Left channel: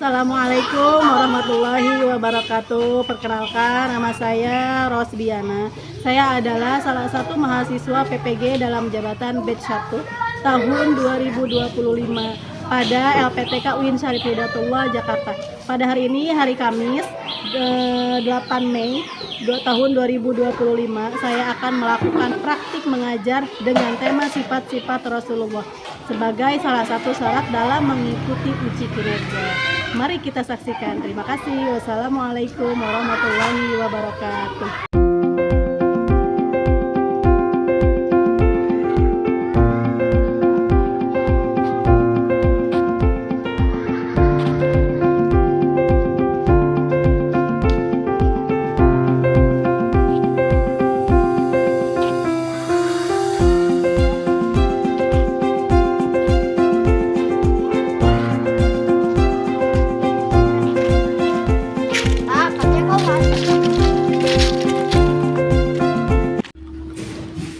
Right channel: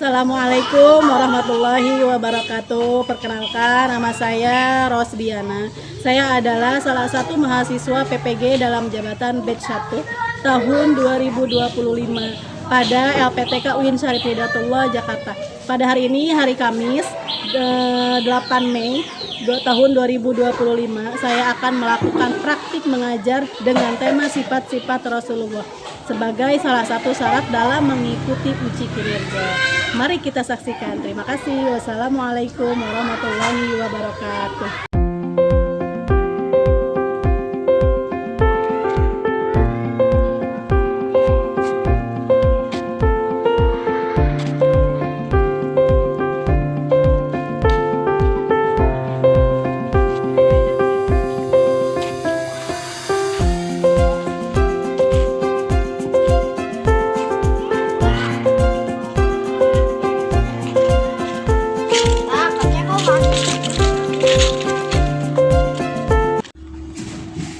Assalamualaikum warahmatullahi wabarakatuh. Perkenalkan, nama saya Rosdiana. Saya adalah salah satu mahasiswa PPG dalam jabatan batch 1 tahun 2025 pada LPTK UIN Syarif Hidayatullah Jakarta. Pada hari ini, hari Kamis 8 Mei tahun 2025, saya akan melakukan praktik mengajar dengan tema sifat-sifat Rasulullah sebagai salah satu syarat dalam mengikuti uji kinerja. Mari kita saksikan. Terima kasih. Wassalamualaikum warahmatullahi wabarakatuh.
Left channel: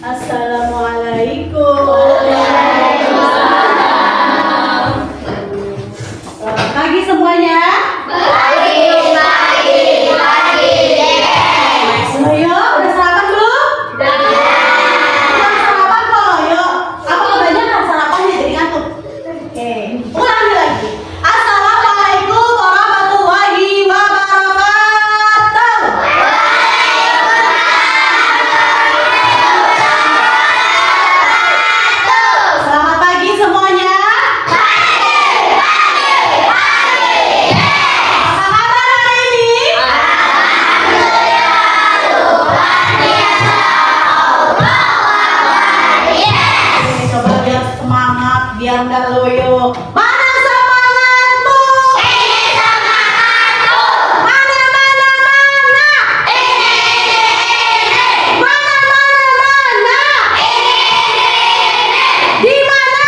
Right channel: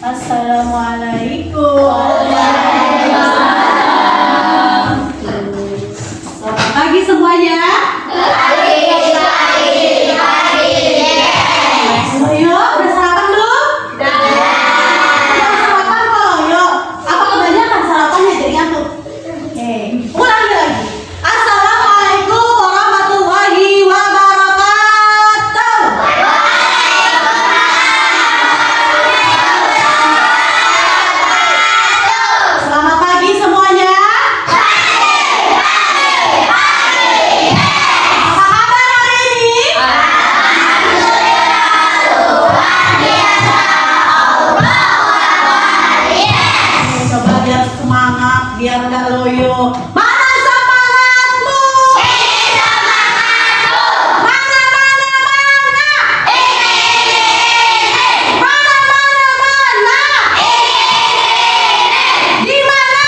Assalamualaikum. Selamat pagi semuanya. Ayo, udah sarapan belum? Udah sarapan kalau yuk. Apa kebanyakan sarapannya jadi ngantuk? Oke, ulangi lagi. Assalamualaikum warahmatullahi wabarakatuh. Selamat pagi semuanya. Apa kabar hari ini? Coba biar semangat, biar nggak loyo. Mana semangatmu? Mana? Mana? Di mana?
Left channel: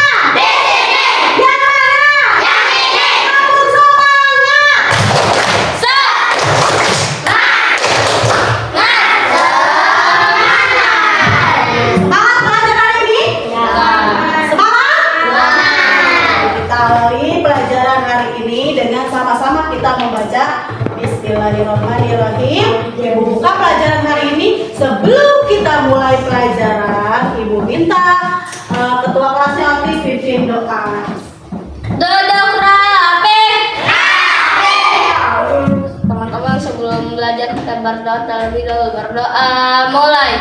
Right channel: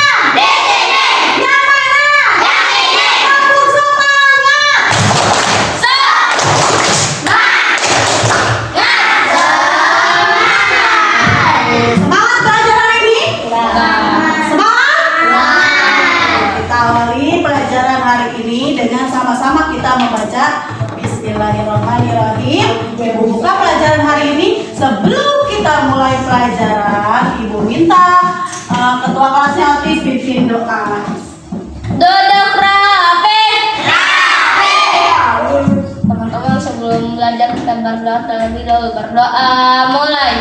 Yang mana? Kamu semangat. Semangat belajar hari ini? Semangat? Kita awali pelajaran hari ini dengan sama-sama kita membaca Bismillahirrahmanirrahim. Ibu buka pelajaran hari ini. Sebelum kita mulai pelajaran, Ibu minta ketua kelasnya aktif pimpin doa. Duduk rapi. Teman-teman, sebelum belajar kita berdoa terlebih dahulu. Berdoa mulai.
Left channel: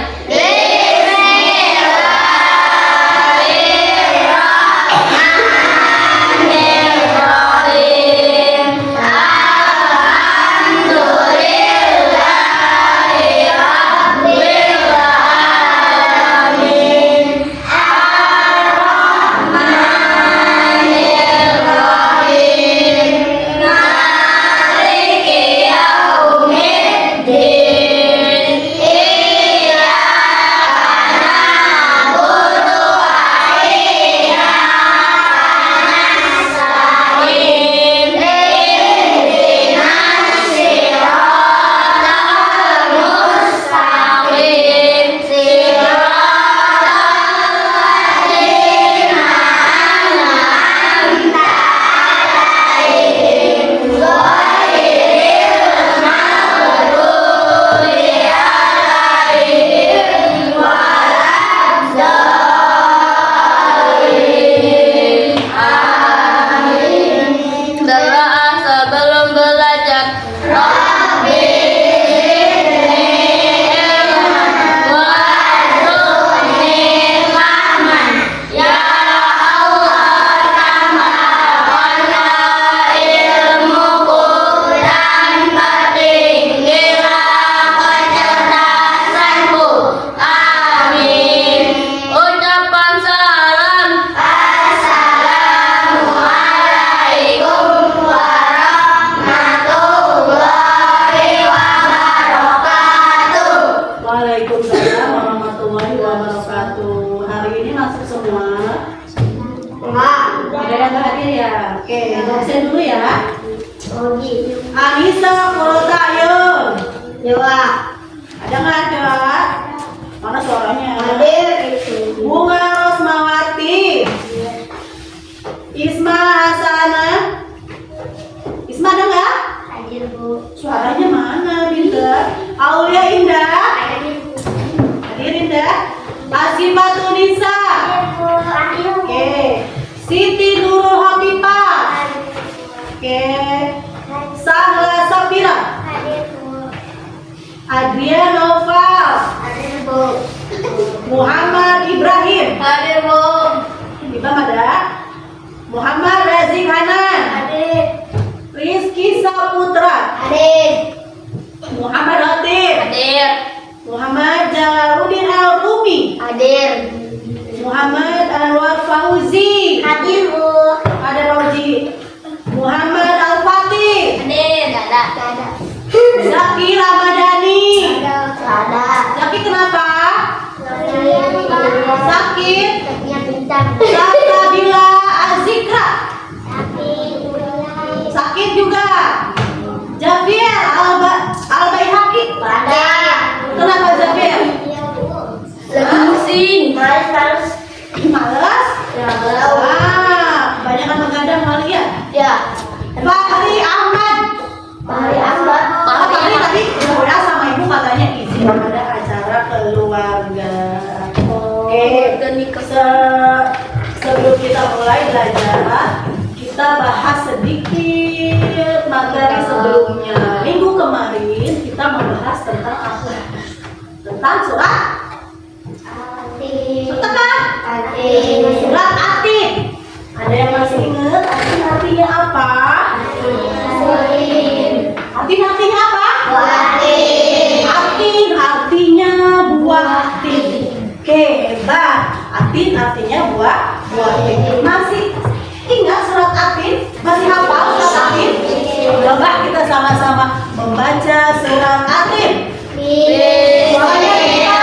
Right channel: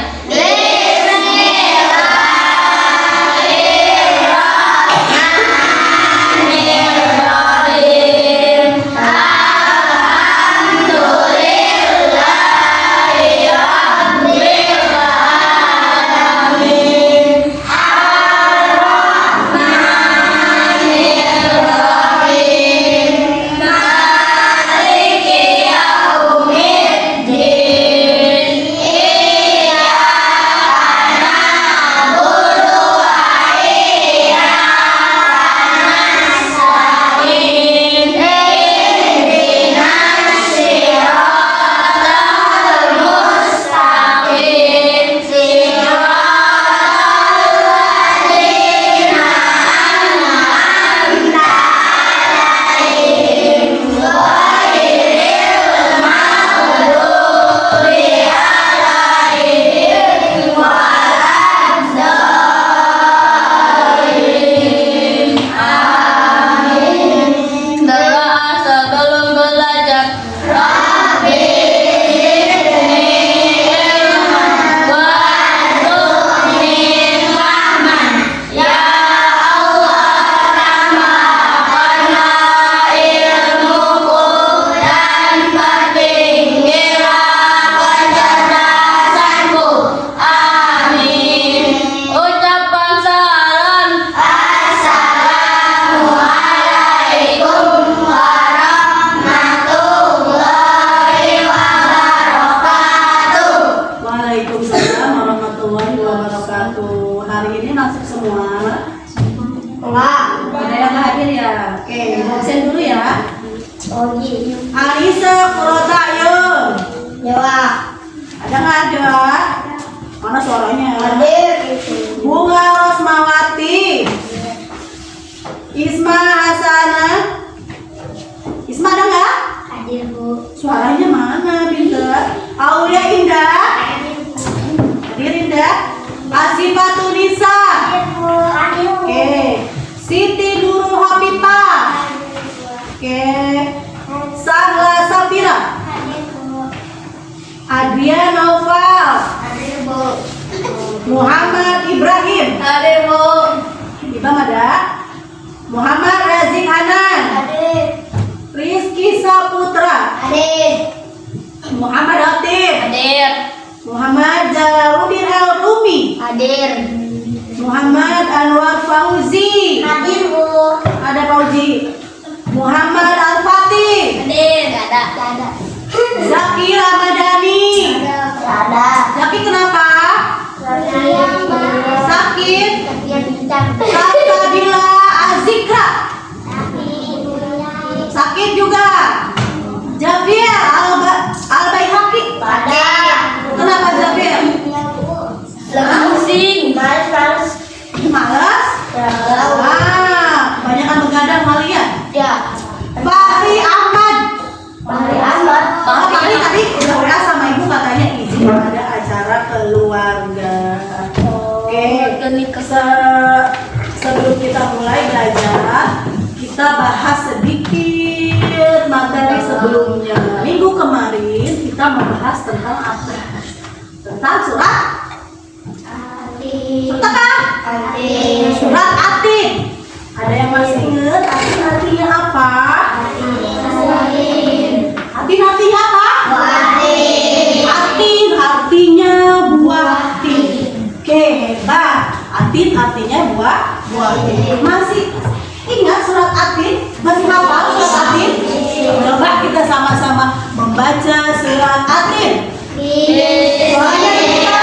Doa sebelum belajar. Ucapan salam. Waalaikumsalam warahmatullahi wabarakatuh. Hari ini masuk semua? Ada yang nggak hadir ya? Oke, Ibu absen dulu ya. Anissa Kurotayo. Ada nggak ada? Mana suaranya? Bunga Rosmawati. Isma Hasanah. Isma Aulia Indah. Hadir Indah. Asifatun Nisa. Oke. Siti Nurul Hafifah. Oke. Sahla Safira. Adrian Noval. Muhammad Ibrahim. Hadir, Bu. Ibam ada. Muhammad Razik Hanan. Rizky Saputra. Muhammad Hatib. Hadir. Muhammad Jalaluddin Al-Rumi. Hadir. Muhammad Anwar Fauzi. Hadir, Bu. Ada Fauzi. Muhammad Al-Fatih. Hadir. Gak ada. Zaki Ramadhani. Ada. Zaki kenapa? Sakit. Bintang. Sabila Azikra. Sakit juga. Javier Al-Baihaqi. Ada. Kenapa Javier? Lagi pusing. Malas? Kebanyakan begadang kali ya. Ya. Fahri Ahmad. Fahri tadi udah WA sama ibu katanya izin ada acara keluarga. Oke. Sebelum kita mulai belajar, kita bahas sedikit materi sebelumnya. Minggu kemarin kita membahas tentang apa? Tentang surat Surat Atin. Ada yang masih ingat Atin artinya apa? Atin artinya apa? Atin artinya buah tin. Oke, hebat. Atin artinya buah tin. Masih ingat surat Atin? Masih hafal surat Atin? Coba kita sama-sama membaca surat Atin. Suaranya kita.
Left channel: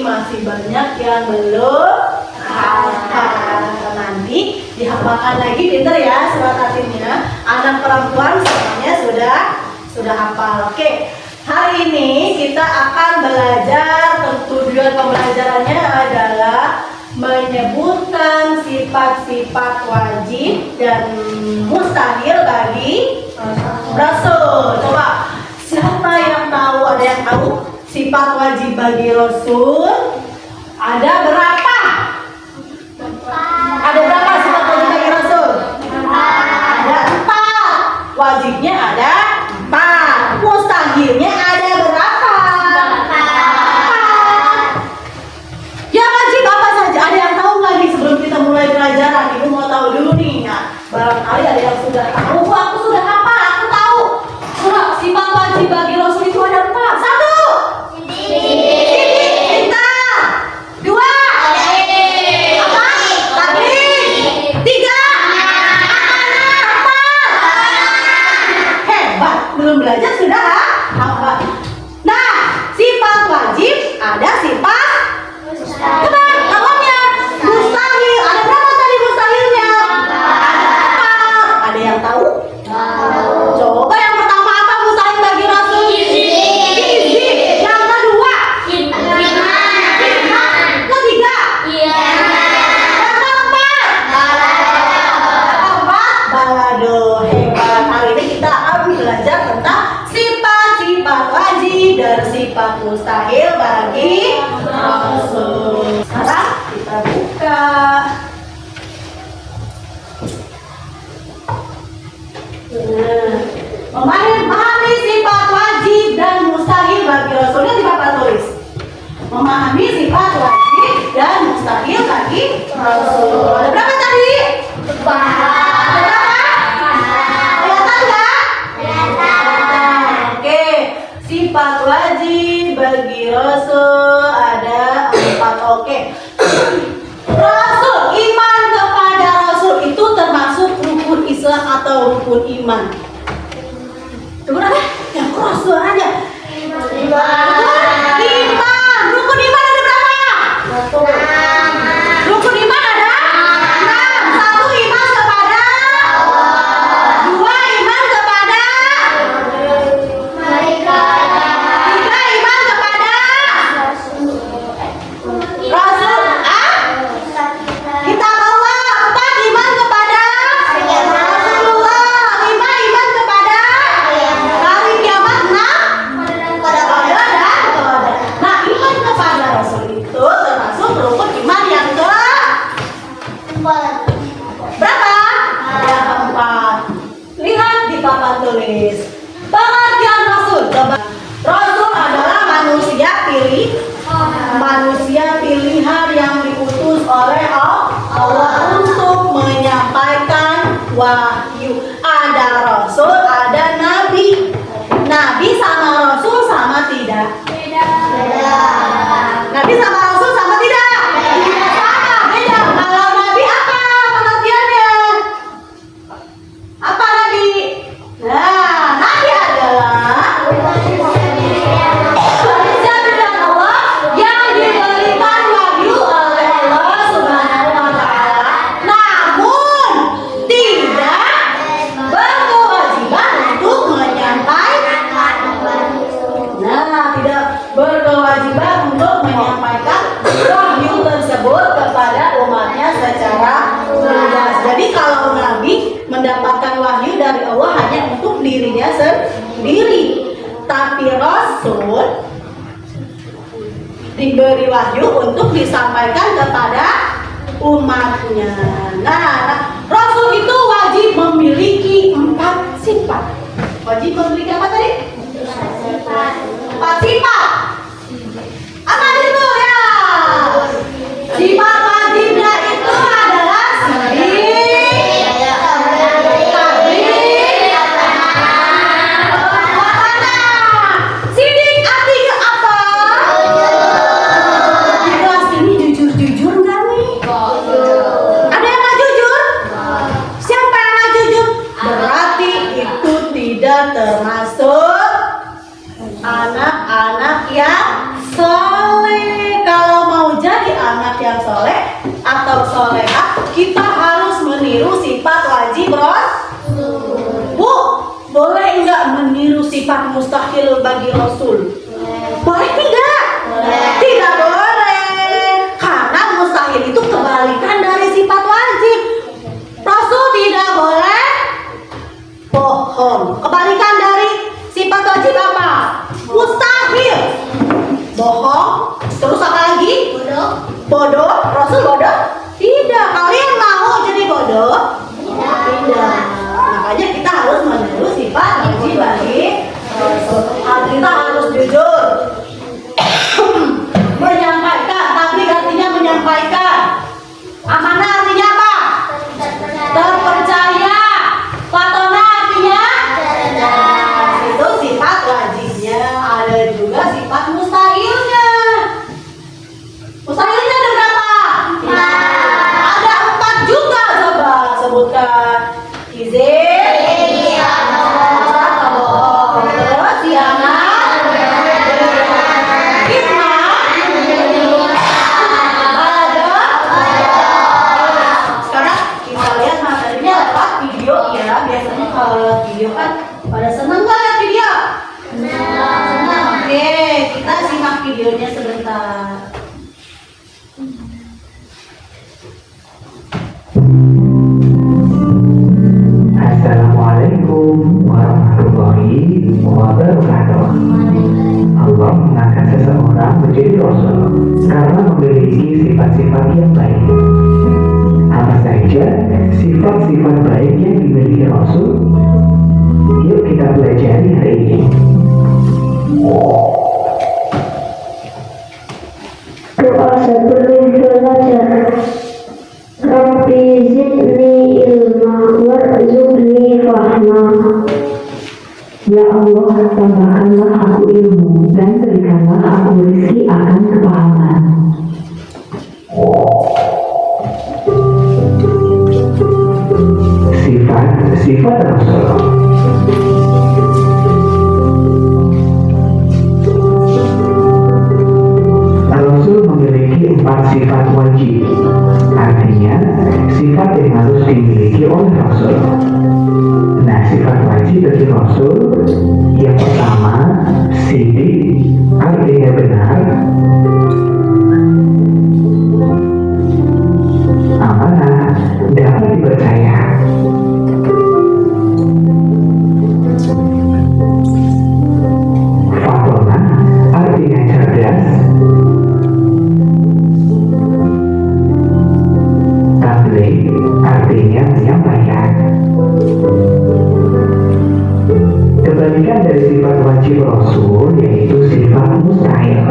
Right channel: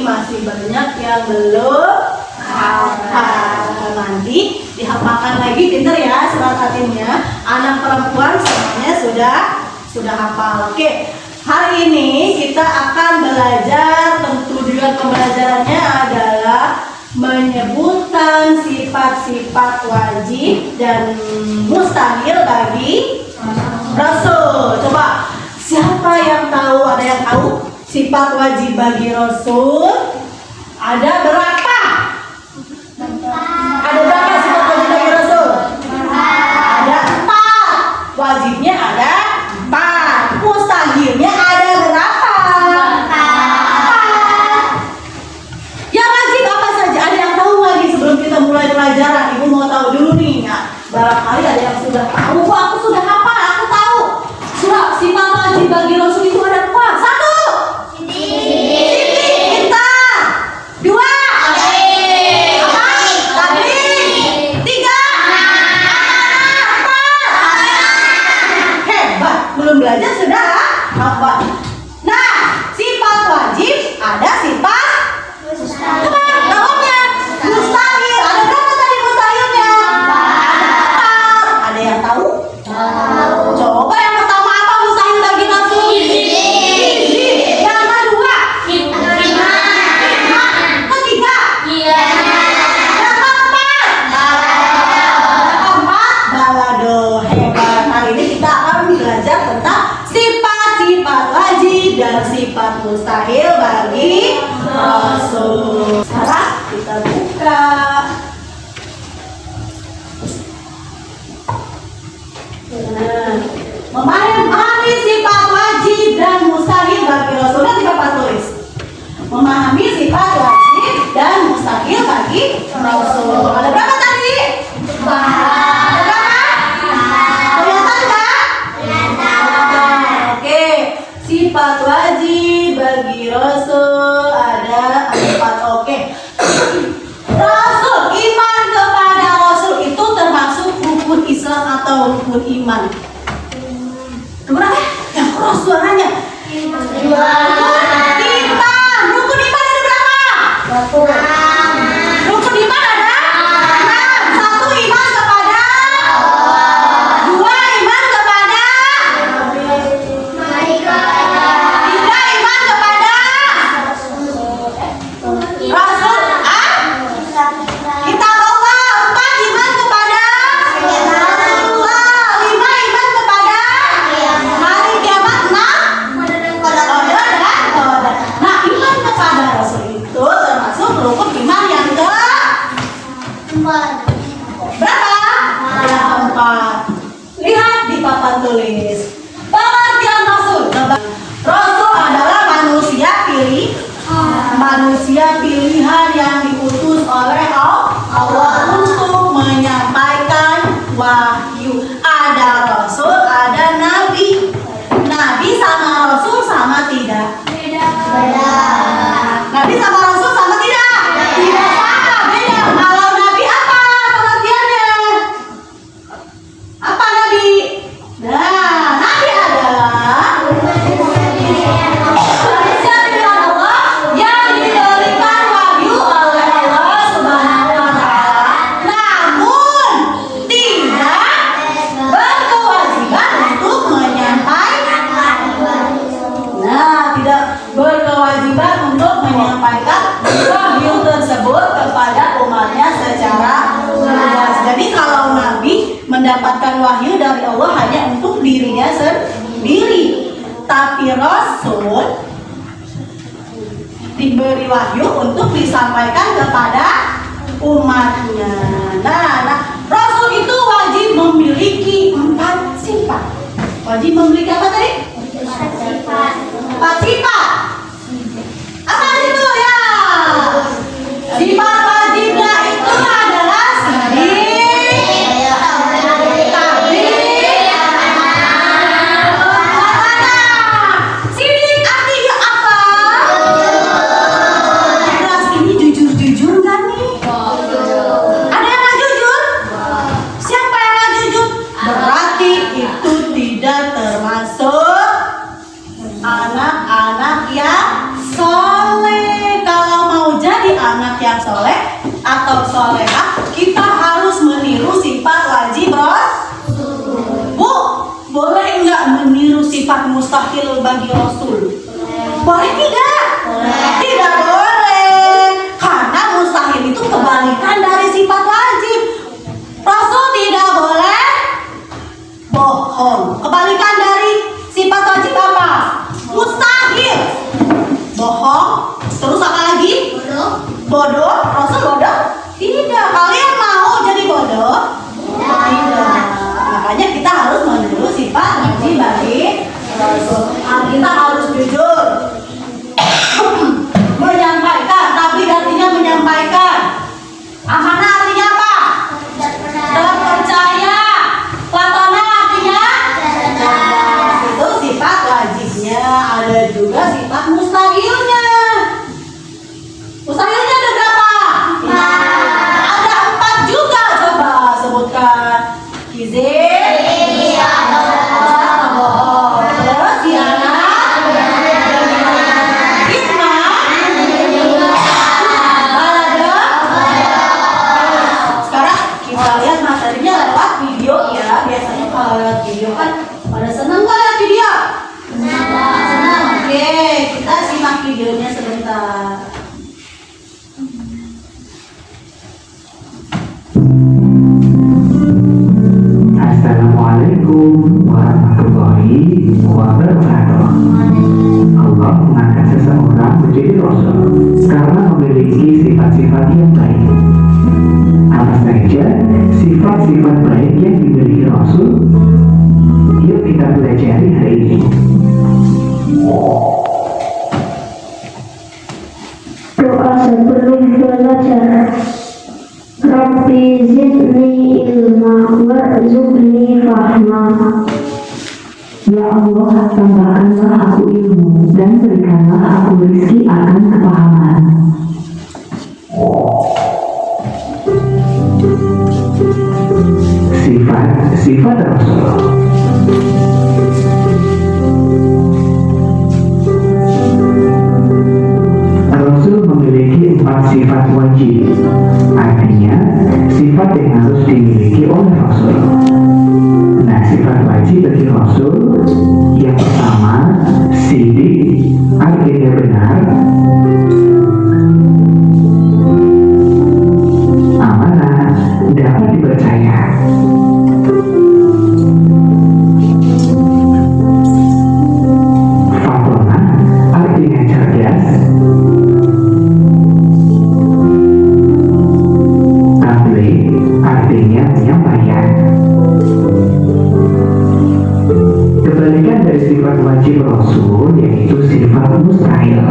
Masih banyak yang belum hafal. Nanti dihafalkan lagi, pinter ya surat Atinnya. Anak perempuan semuanya sudah hafal. Oke, hari ini kita akan belajar. Tujuan pembelajarannya adalah menyebutkan sifat-sifat wajib dan mustahil bagi Rasul. Coba, siapa yang tahu? Ada yang tahu? Sifat wajib bagi Rasul ada berapa? Ada berapa sifat wajib bagi Rasul? Ada 4. Wajibnya ada 4. Mustahilnya ada berapa? 4. Yang wajib apa saja? Ada yang tahu lagi sebelum kita mulai pelajaran? Ibu mau tahu dulu nih ya. Barangkali ada yang sudah tahu. Aku sudah hafal, aku tahu. Sifat wajib bagi Rasul itu ada 4. 1. Cinta. 2. sifat mustahil bagi Rasul. Sekarang kita buka. Nah, memahami sifat wajib dan mustahil bagi Rasul. Nanti Bapak tulis. Memahami sifat wajib dan mustahil bagi Rasul. Ada berapa tadi? Sifat wajib bagi Rasul ada 4. Oke. Rasul, iman kepada Rasul itu termasuk rukun Islam atau rukun iman? Berapa? Ya, Rasul aja. Iman. Rukun iman ada berapa? 1. Rukun iman ada 6. 1 iman kepada 2 iman kepada Rasul. Kita bawa 4 iman kepada Rasulullah, 5 iman kepada hari kiamat, 6 kepada dan qadar. Nah, iman kepada Rasul itu termasuk rukun iman yang berapa? Yang 4. Lihat di papan tulis. Pengertian Rasul. Rasul adalah manusia pilihan yang diutus oleh Allah untuk menyampaikan wahyu. Ada Rasul, ada Nabi. Nabi sama Rasul sama tidak? Beda. Nabi sama Rasul sama tidak? Tidak sama, beda. Kalau Nabi apa pengertiannya? Apa Nabi? Nah, Nabi adalah manusia pilihan Allah yang diberikan wahyu oleh Allah Subhanahu wa Ta'ala, namun tidak berkewajiban untuk menyampaikan. Nah, tidak berkewajiban untuk menyampaikan wahyu tersebut kepada umatnya secara jelas. Jadi kalau Nabi mendapatkan wahyu dari Allah hanya untuk dirinya sendiri, tapi Rasul diberi wahyu untuk disampaikan kepada umatnya. Nah, Rasul itu wajib memiliki 4 sifat. Wajib memiliki apa tadi? 4 sifat. Apa itu ya? Sifat wajibnya itu adalah sidik, tabligh, amanah. Sidik artinya apa? Kelas ini jujur-jujur nggak nih? Ada yang nggak jujur? Siapa yang nggak jujur? Berarti itu tidak termasuk anak-anak yang soleh. Kalau mau jadi anak yang soleh atau solehah, kita harus meniru sifat wajib Rasul. Bu, boleh nggak meniru sifat mustahil bagi Rasul? Boleh tidak? Tidak boleh. Karena mustahil itu kebalikan dari sifat wajib. Rasul tidak boleh bohong. Kebalikan dari sifat wajib apa? Mustahil. Bohong. Terus apa lagi? Bodoh. Rasul bodoh? Tidak. Kalian mau jadi bodoh? Tidak. Makanya kita harus meniru sifat wajib bagi Rasul. Kita harus jujur. Menyampaikan. Tapi artinya menyampaikan. Amanah artinya apa? Terpercaya. Watona artinya? Itu sifat wajibnya. Ada juga sifat mustahilnya. Mustahilnya ada berapa? Ada 4 juga. Coba sebutkan. Izin, bohong, terus khianat, fitnah, balada. Sekarang kita lihat materinya lewat video ya. Biasanya kalau lewat video kan pada seneng nggak lihat video? Senang. Oke, kita simak videonya sebentar. Assalamualaikum warahmatullahi wabarakatuh. Allah Allah mengangkat seseorang menjadi Rasul karena memiliki sifat-sifat yang baik. Apa saja sifat-sifat baik yang dimiliki Rasul? Yuk kita pelajari hari ini. Doa sebelum belajar. Rabbi zidni ilma warzuqni fahma. Ya Allah, tambahkanlah aku ilmu dan berikanlah aku rezeki akan kepahaman. Sifat Rasul. Rasul memiliki 4 sifat wajib, artinya sifat yang harus dimiliki oleh Rasul. Nah, sifat wajib bagi Rasul yang pertama, sidik, artinya benar. Amanah, dapat dipercaya. Fatonah, artinya cerdas. Tabligh, artinya menyampaikan. Kebalikan dari sifat wajib Rasul yaitu sifat mustahil.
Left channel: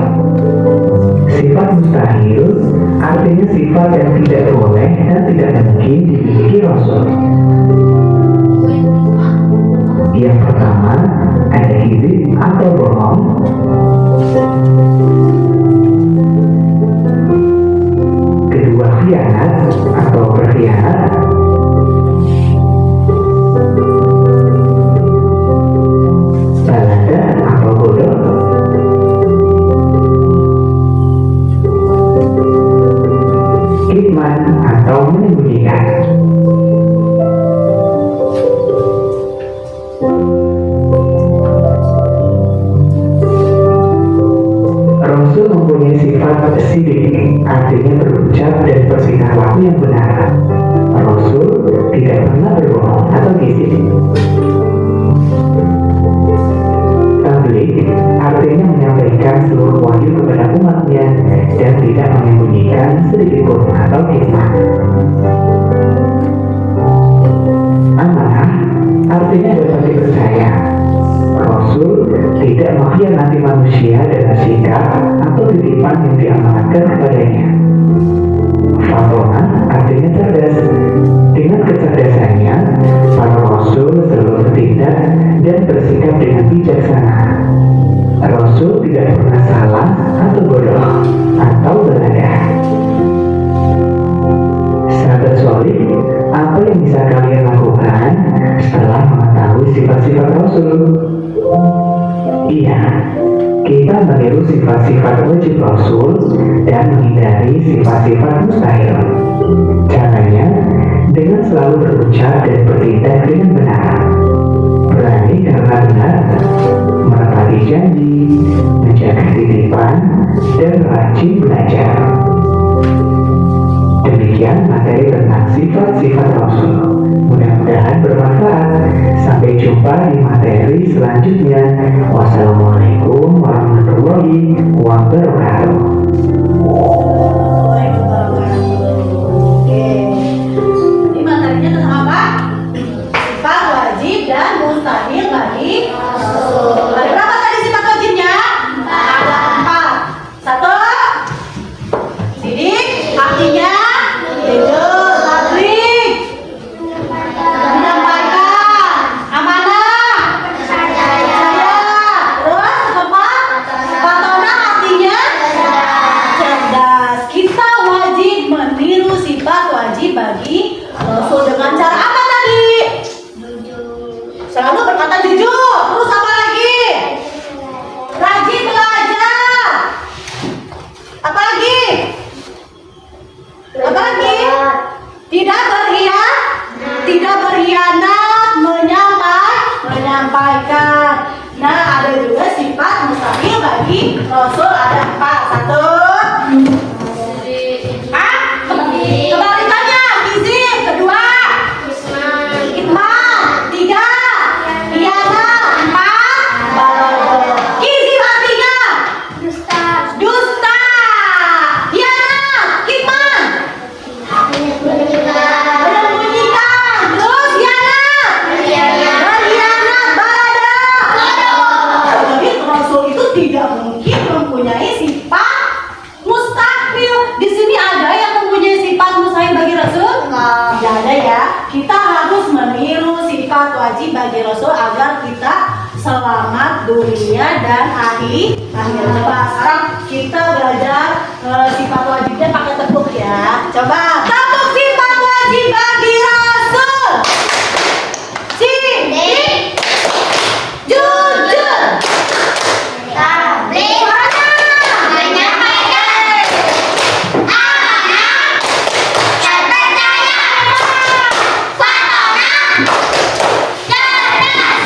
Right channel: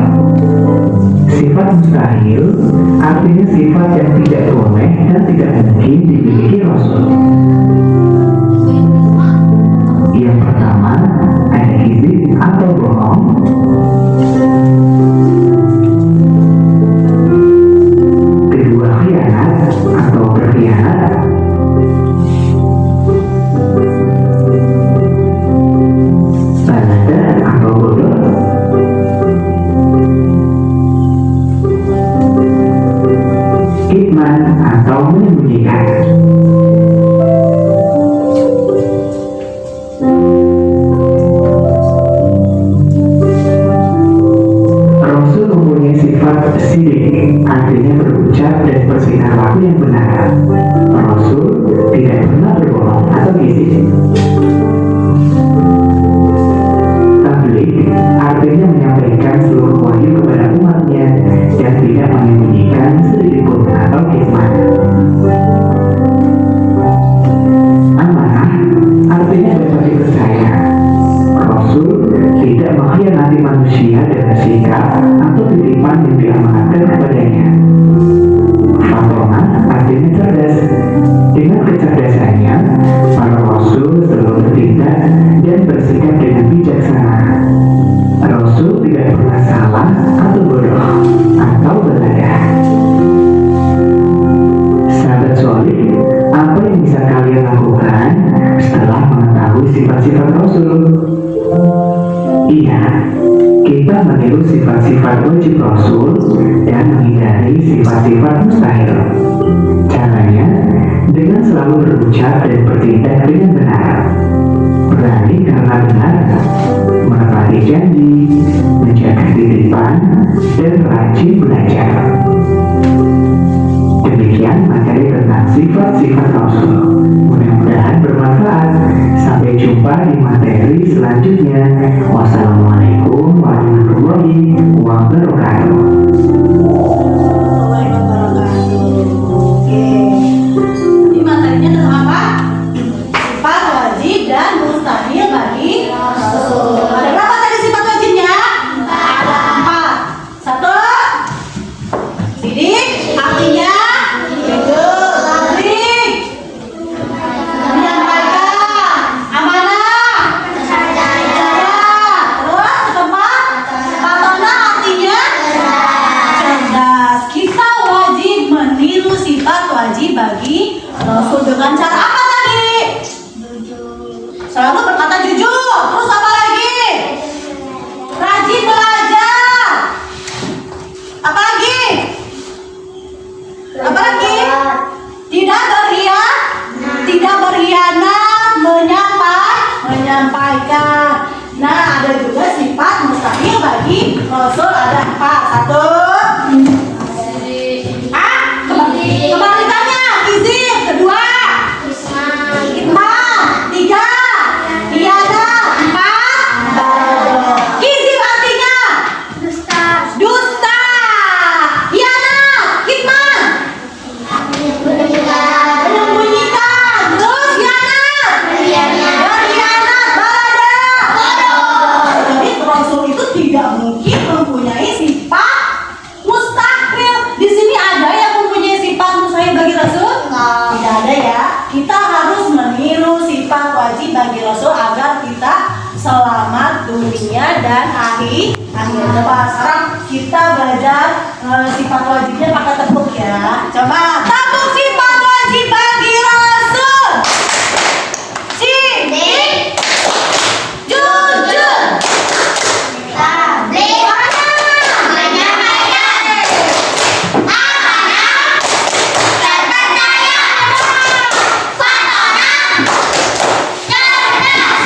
Sifat mustahil artinya sifat yang tidak boleh dan tidak mungkin dimiliki Rasul. Yang pertama, ada kizib atau bohong. Kedua, khianat atau berkhianat. Balada atau bodoh. Kitman atau menyembunyikan. Rasul mempunyai sifat sidik, artinya berucap dan bersinar waktu yang benar. Rasul tidak pernah berbohong atau kizib. Tabligh artinya menyampaikan seluruh wahyu kepada umatnya dan tidak menyembunyikan sedikit pun atau kitman. Amanah artinya dapat dipercaya. Rasul tidak mengkhianati manusia dengan sikap atau titipan yang diamanatkan kepadanya. Fatonah artinya cerdas. Dengan kecerdasannya, para Rasul selalu bertindak dan bersikap dengan bijaksana. Rasul tidak pernah salah atau bodoh atau belada. Sahabat solih, apa yang bisa kalian lakukan setelah mengetahui sifat-sifat Rasul? Iya, kita meniru sifat-sifat wajib Rasul dan menghindari sifat-sifat mustahil. Caranya, dengan selalu berucap dan bertindak dengan benar. Berani karena benar, menepati janji, menjaga titipan, dan rajin belajar. Demikian materi tentang sifat-sifat Rasul. Mudah-mudahan bermanfaat. Sampai jumpa di materi selanjutnya. Wassalamualaikum warahmatullahi wabarakatuh. Oke. Ini materinya tentang apa? Sifat wajib dan mustahil bagi Rasul. Ada berapa tadi sifat wajibnya? Ada 4. 1, sidik, artinya jujur, tabligh, menyampaikan, amanah, percaya. Terus apa? Fatonah artinya cerdas. Kita wajib meniru sifat wajib bagi Rasul dengan cara apa tadi? Selalu berkata jujur. Terus apa lagi? Rajin belajar. Apa lagi? Apa lagi? Tidak berkhianat, menyampaikan. Nah, ada juga sifat mustahil bagi Rasul. Ada 4. 1, kebalikannya kizib. Kedua, kitman. 3, khianat. 4, kizib artinya dan akhir. Coba sekarang kita belajar sifat wajibnya pakai tepuk ya. Coba tepuk sifat wajib bagi Rasul. Sidik, jujur, Tabligh, menyampaikan amanah, terpercaya, fatonan, cerdas.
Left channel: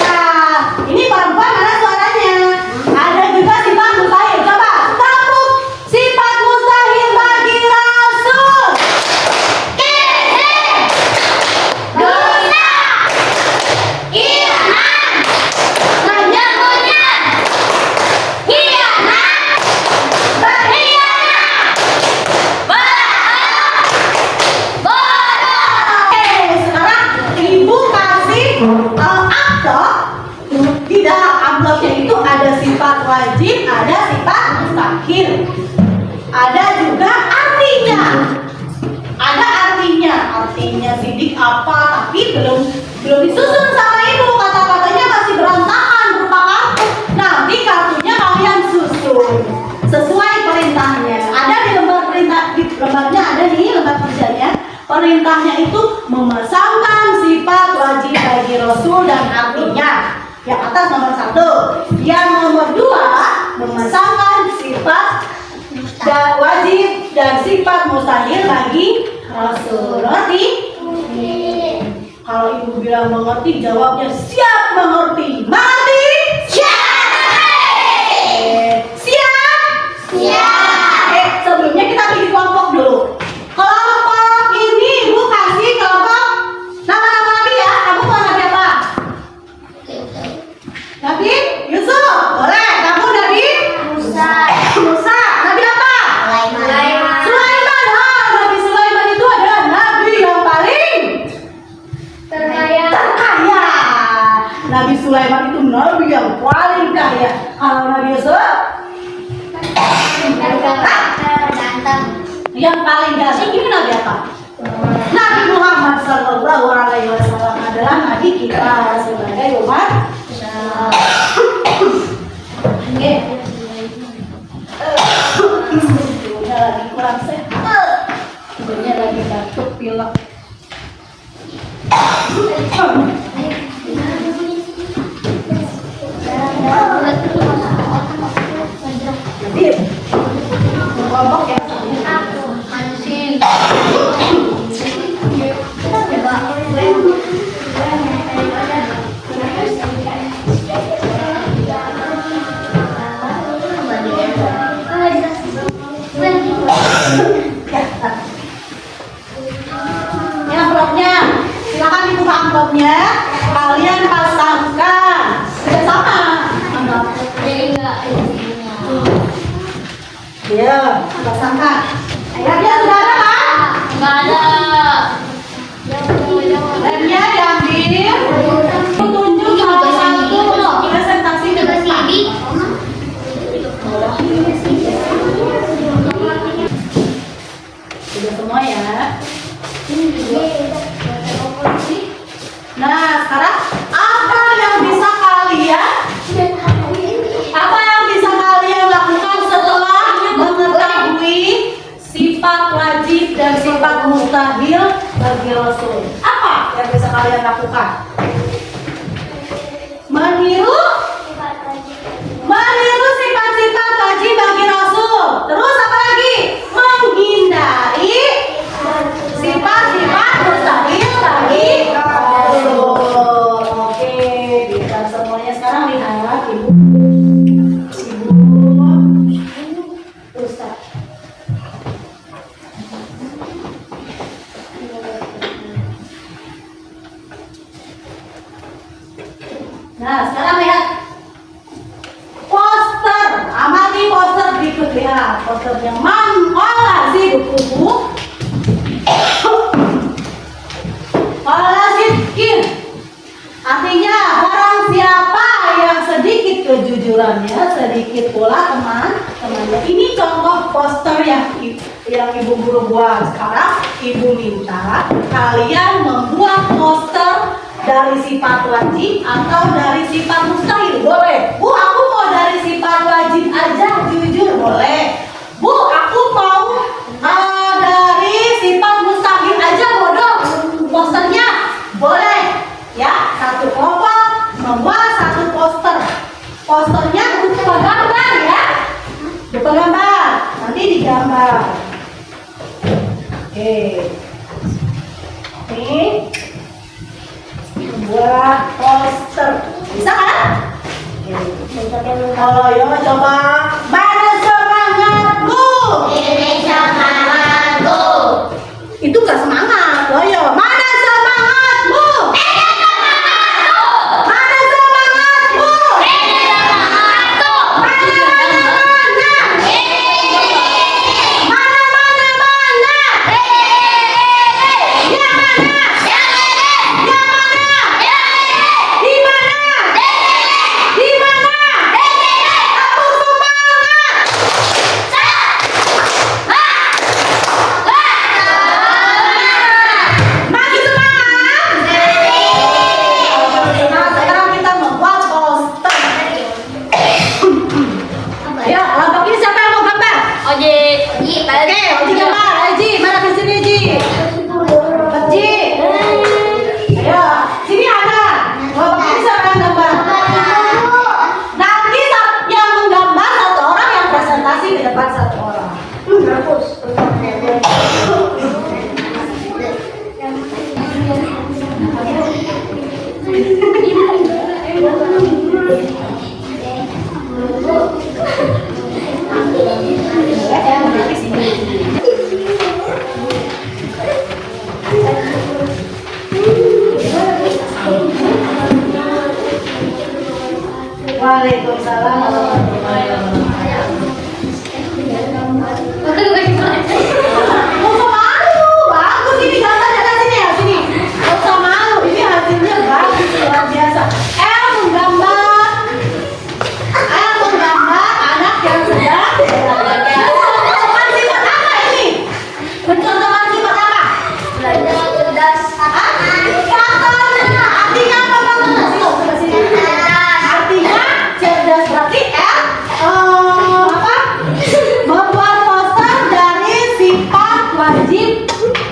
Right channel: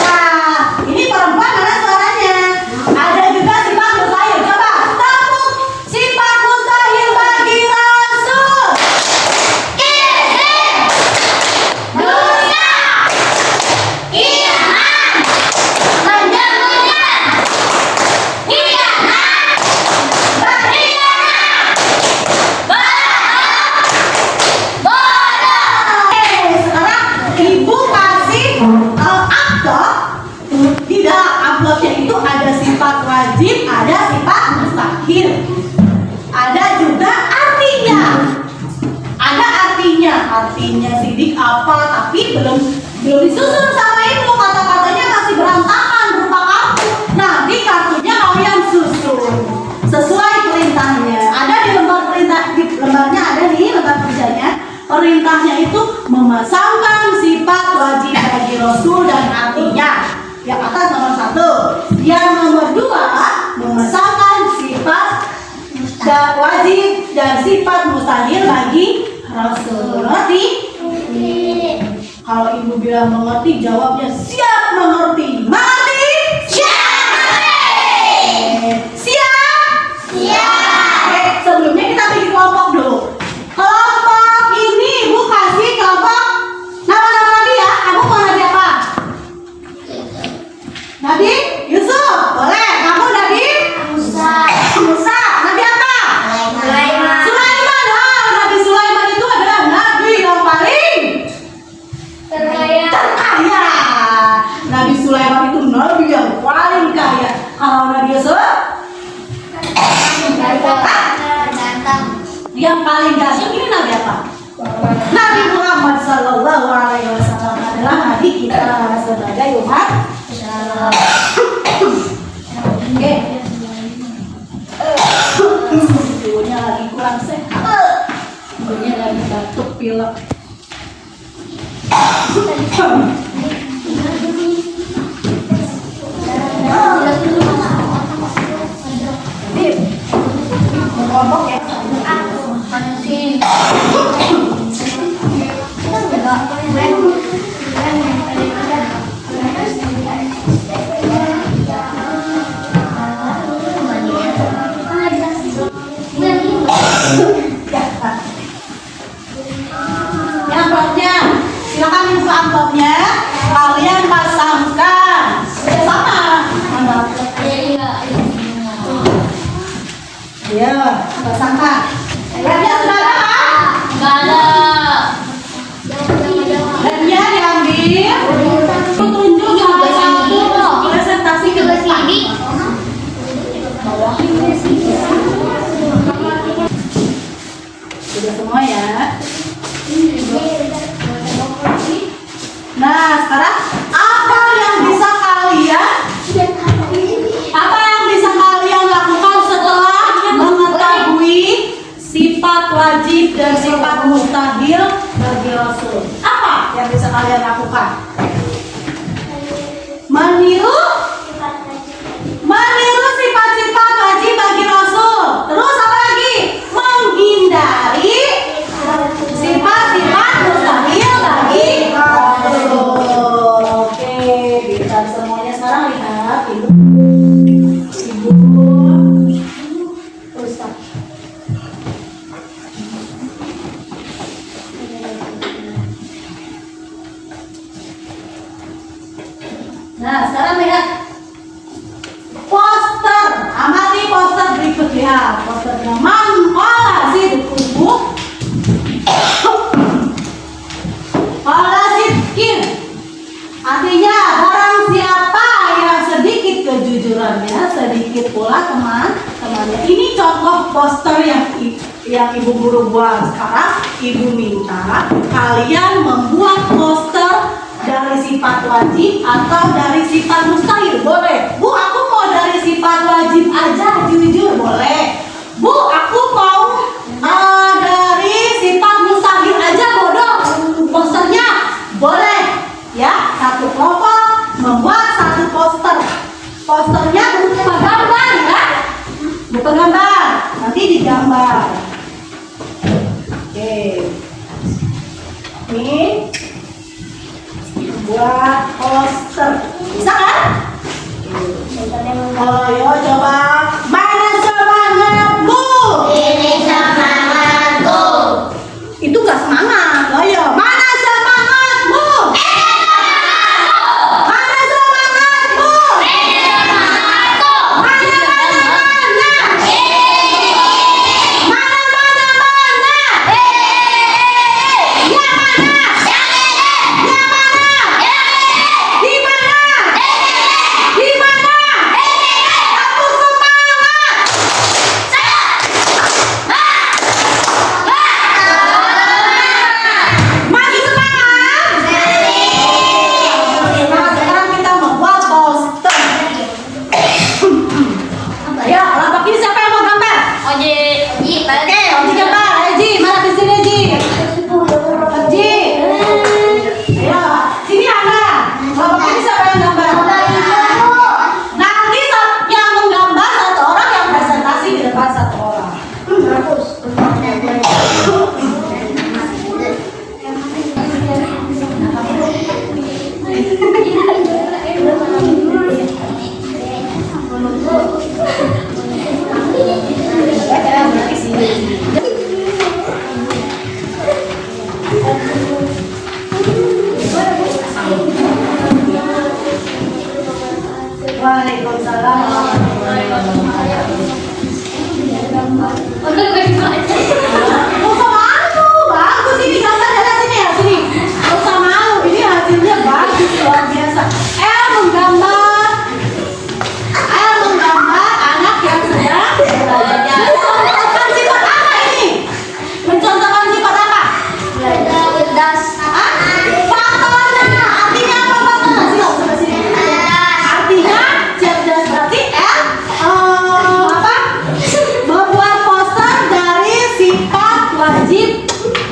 Nah, ini perempuan mana suaranya? Ada juga sifat mustahil. Coba tepuk sifat mustahil bagi Rasul. Kizib, dosa, iman, menyembunyikan, khianat, berkhianat, bohong, bodoh. Oke, sekarang ibu kasih amplop. Di dalam amplopnya itu ada sifat wajib, ada sifat mustahil. Ada juga artinya. Ada artinya sidik apa, tapi belum disusun sama ibu. Kata-katanya masih berantakan berupa kartu. Nanti kartunya kalian susun sesuai perintahnya. Ada di lembar perintah, di lembarnya ada nih lembar kerjanya. Perintahnya itu memasangkan sifat wajib bagi Rasul dan artinya. Yang atas nomor 1. Yang nomor 2 memasangkan sifat wajib dan sifat mustahil bagi Rasul. Ngerti? Kalau ibu bilang mengerti, jawabnya siap mengerti. Mengerti? Siap? Siap. Sebelumnya kita bikin kelompok dulu. Kelompok ini ibu kasih kelompok nama-nama nabi ya. Kamu mau nabi apa? Nabi Yusuf. Boleh. Kamu Nabi Musa. Nabi apa? Sulaiman. Sulaiman. Nabi Sulaiman itu adalah nabi yang paling Terkaya. kaya. Nabi Sulaiman itu nabi yang paling kaya. Kalau Nabi Yusuf yang paling ganteng, ini nabi apa? Nabi Muhammad Sallallahu Alaihi Wasallam adalah nabi kita sebagai umat. Oke. Ibunya lagi kurang sehat. Ibunya lagi batuk pilek. Jadi kelompok yang ini amplopnya, silakan dibuka amplopnya. Kalian pasangkan bersama. Ya, pasangkan. Hadiah sudah ada kan? Enggak ada. Hadiah diambil. Tunjuk salah satu presentasi ke depan. Sudah semua ya. Nah, sekarang apa yang bisa kalian lakukan setelah mengetahui sifat wajib dan sifat mustahil bagi Rasul? Apa yang bisa kalian lakukan? Meniru sifat-sifat wajib bagi Rasul. Terus apa lagi? Menghindari sifat-sifat mustahil bagi Rasul. Oke, bisa semuanya sekarang lihat ibu. Ustaz. Nah, sekarang lihat poster. Amati poster berikut, lihat posternya. Man qala sidquhu qala sidqin. Artinya barang siapa yang sedikit kejujurannya, sedikit pula teman-temannya. Ini contoh poster yang ibu guru buat. Sekarang ibu minta kalian membuat poster dari sifat wajib atau dari sifat mustahil. Boleh. Bu, aku lupa gambar ya. Lupa gambar. Nanti digambar. Oke. Ini buat poster. Bisa kan? Kalau yo coba mana semangatmu? Ini semangatku. Itu gak semangat. Ayo, mana semangatmu? Mana semangatmu? Mana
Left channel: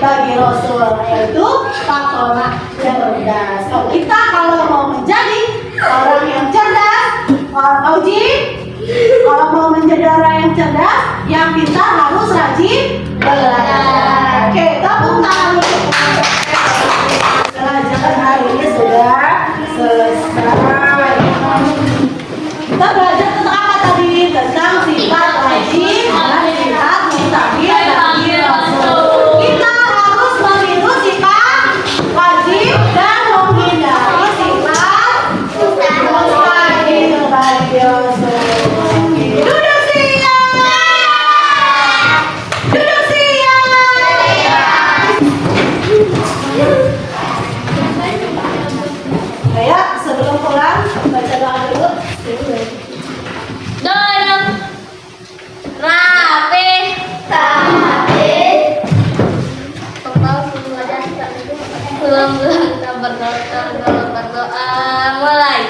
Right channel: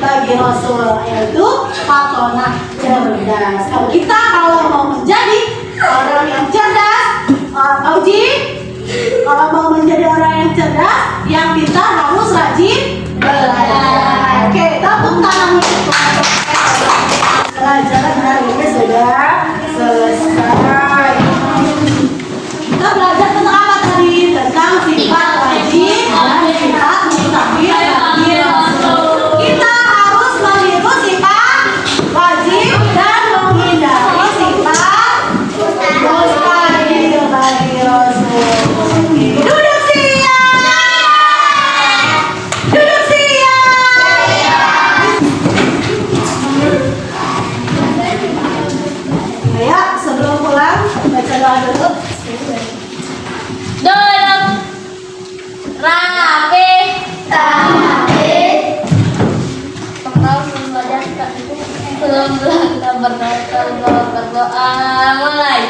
bagi Rasul, yaitu patronah cerdas. Kalau mau menjadi orang yang cerdas, Auji, kalau mau menjadi orang yang cerdas, yang pintar harus rajin belajar. Oke, tepuk tangan untuk pelajaran hari ini sudah selesai. Kita belajar tentang apa tadi? Tentang sifat rajin dan sifat mustahil bagi Rasul. Kita harus meniru sifat wajib dan menghindari sifat mustahil bagi Rasul. Duduk siap. Duduk siap. Ya, sebelum pulang baca doa dulu. Dorong. Rapi. Kita berdoa mulai.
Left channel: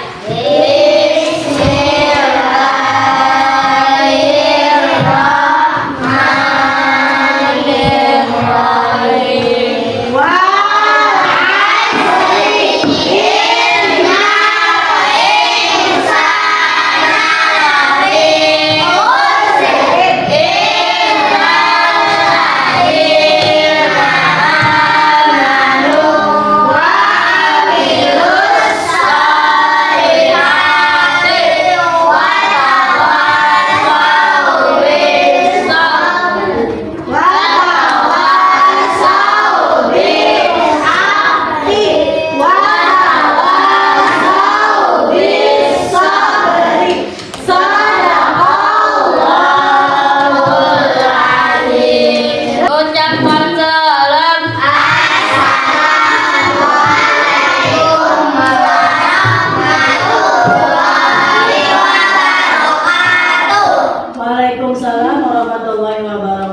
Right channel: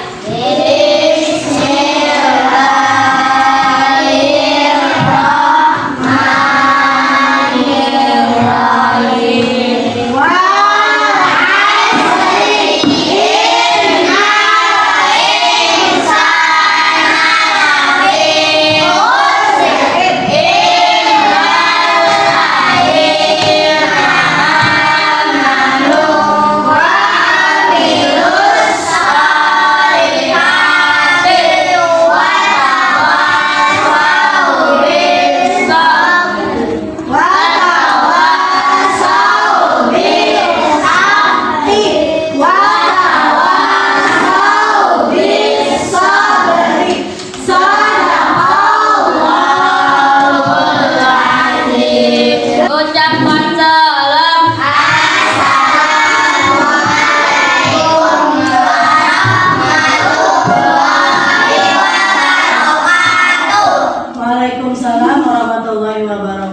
Ucapkan salam. Waalaikumsalam warahmatullahi wabarakatuh.